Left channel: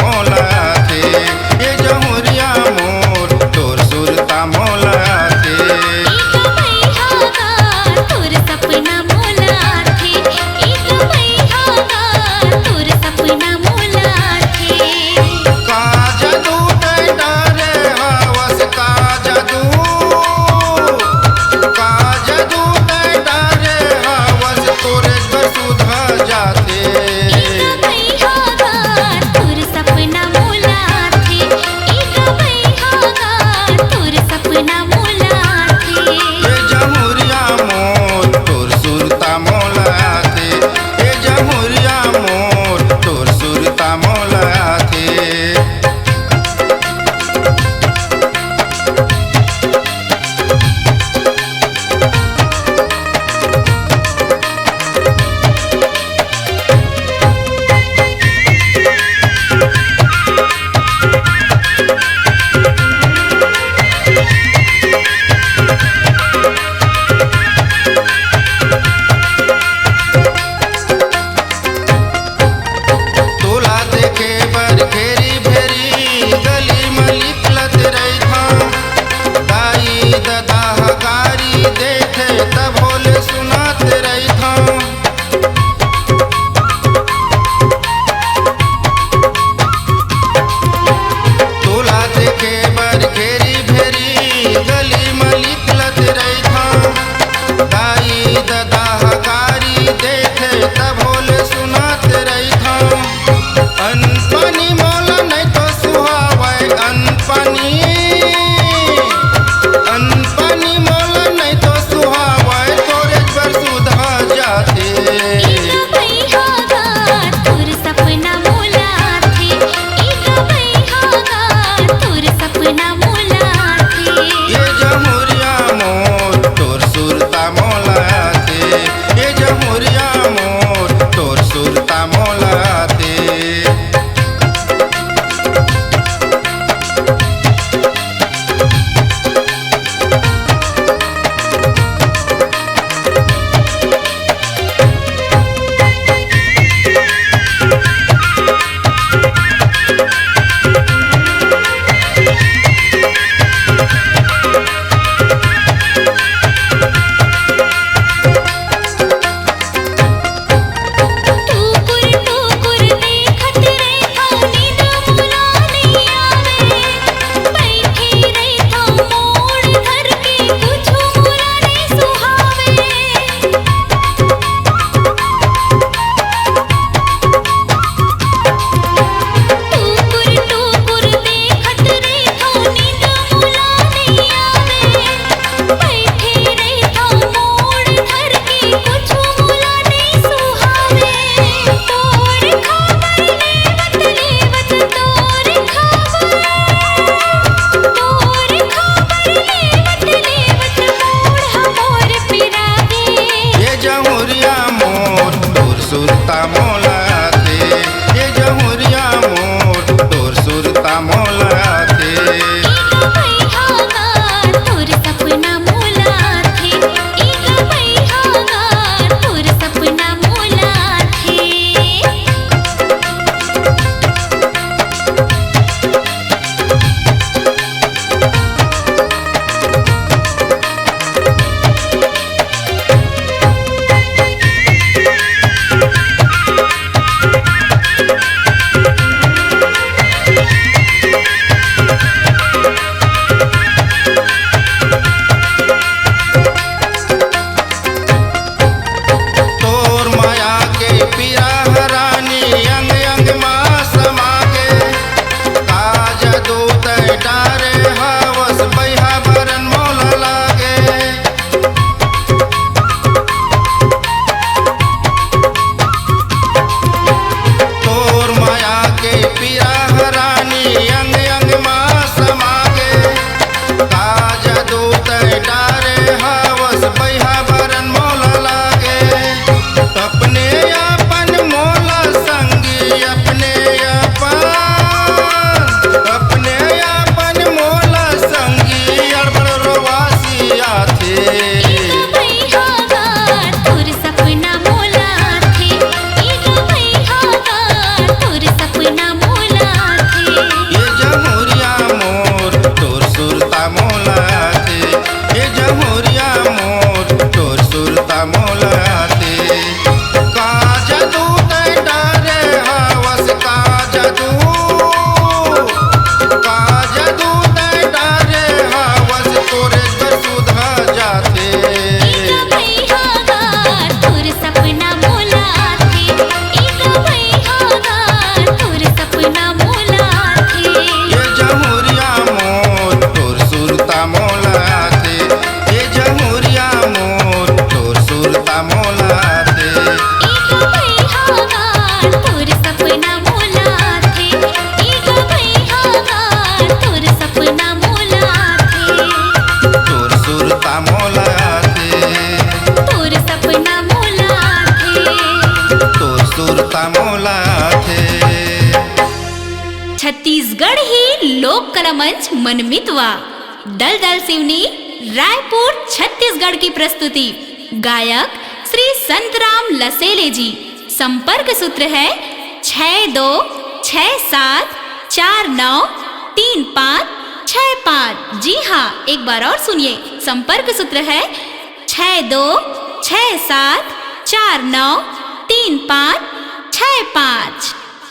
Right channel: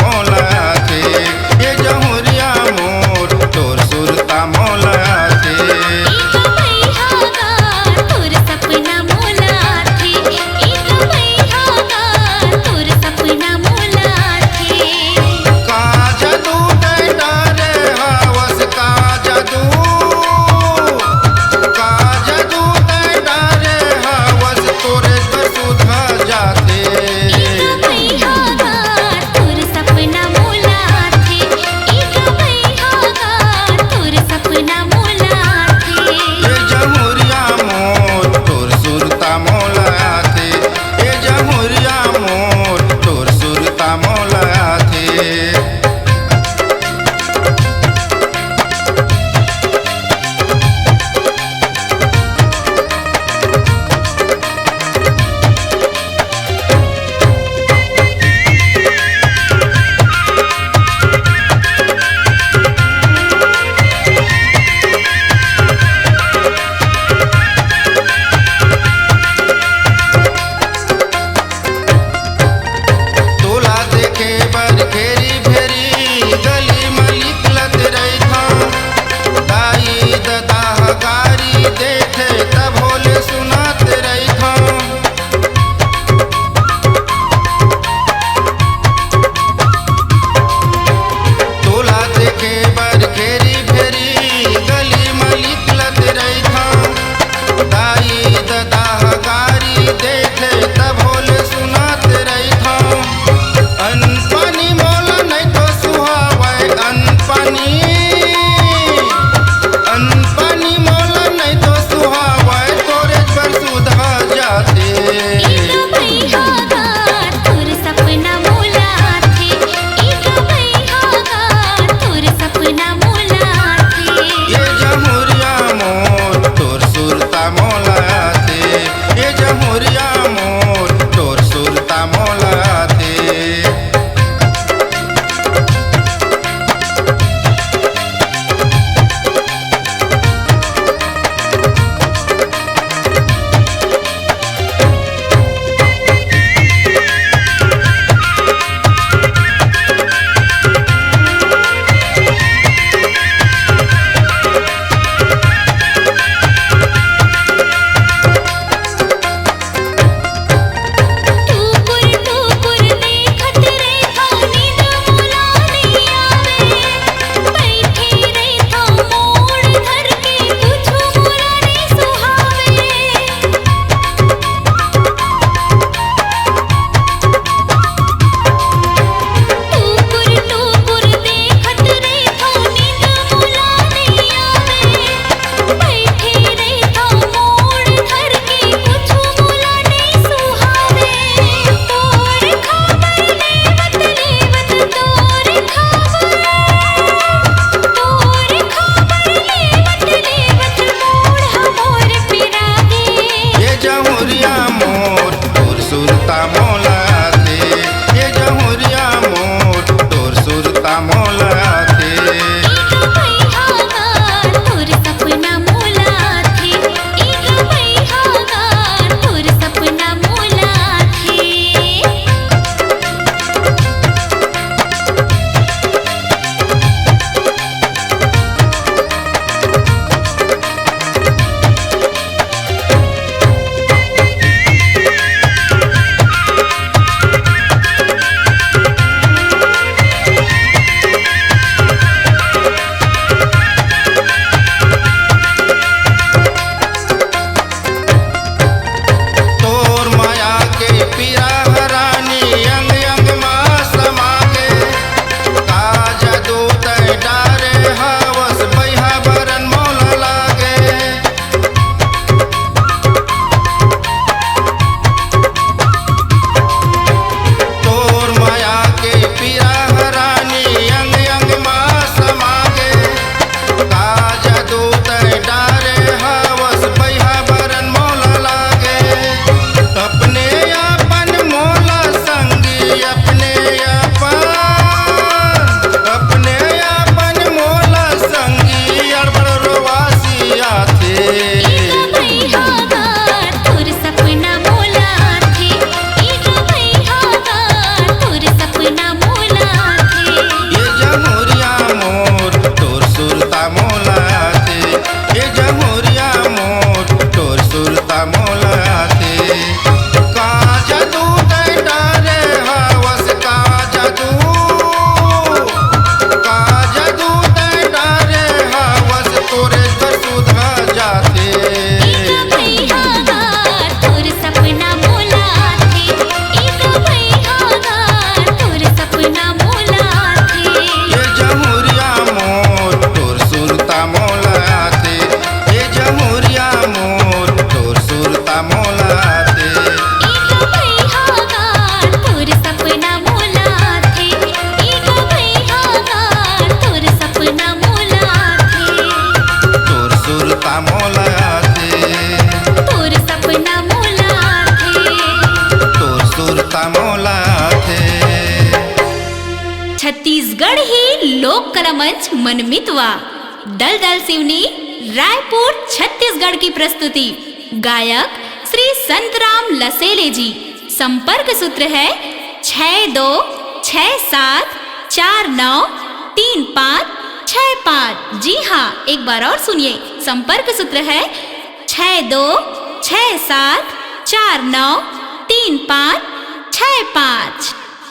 मोला थे ये जमुरिया मोर तोर सुरता मोला थे एक मैहागा तोर सपना मोला थे एक मैहागा तोर सपना मोला थे का जादू ते डरे हवस का जादू ते डरे हवस तोरे पर सुधा जाते एक मैहागा तोर सपना मोला थे एक मैहागा तोर सपना मोला थे ये जमुरिया मोर तोर सुरता मोला थे ये जमुरिया मोर तोर सुरता मोला थे देखे बर घेरी भेरी गली मलिक लत रही था दाई ददा गारी देखे तब होले सुनात रही था तोला देखे बर घेरी भेरी गली मलिक लत रही था दाई ददा गारी देखे तब होले सुनात रही था अनपानी मोला नहीं तो सुहावे अनपानी मोला नहीं तो सुहावे तोरे पर सुधा जाते एक मैहागा तोर सपना मोला थे एक मैहागा तोर सपना मोला थे ये जमुरिया मोर तोर सुरता मोला थे ये जमुरिया मोर तोर सुरता मोला थे जमुरिया मोर तोर सुरता मोला थे ये जमुरिया मोर तोर सुरता मोला थे एक मैहागा तोर सपना मोला थे एक मैहागा तोर सपना मोला थे पीरा हरानी अंग अंग माँ समा के का जादू तय डारे हवस बैहा बरन मोला लागे तोर माया के पीरा हरानी अंग अंग माँ समा के का जादू तय डारे हवस बैहा बरन मोला लागे अपने अपन सुरता मोला थे ये जमुरिया मोर तोर सुरता मोला थे का जादू तै डरे हवस का जादू तै डरे हवस तोरे घर सुधा जाते एका भैया गा तोर सपना मोला थे एका भैया गा तोर सपना मोला थे ये जमुरिया मोर तोर सुरता मोला थे ये जमुरिया मोर तोर सुरता मोला थे एका भैया गा तोर सपना मोला थे एका भैया गा तोर सपना मोला थे तोर सुरता मोला थे तोर सपना मोला थे तोर सुरता मोला थे। छत्तीसगढ़ ही लोक कला मंच मनमितवा दलदल सिवनी रायपुर छत्तीसगढ़ की प्रस्तुति गायक श्री संतराम लसेले जी। संपर्क सूत्र है 6267493565। जी हाँ, एक बार और सुनिए, संपर्क सूत्र है 6267493565।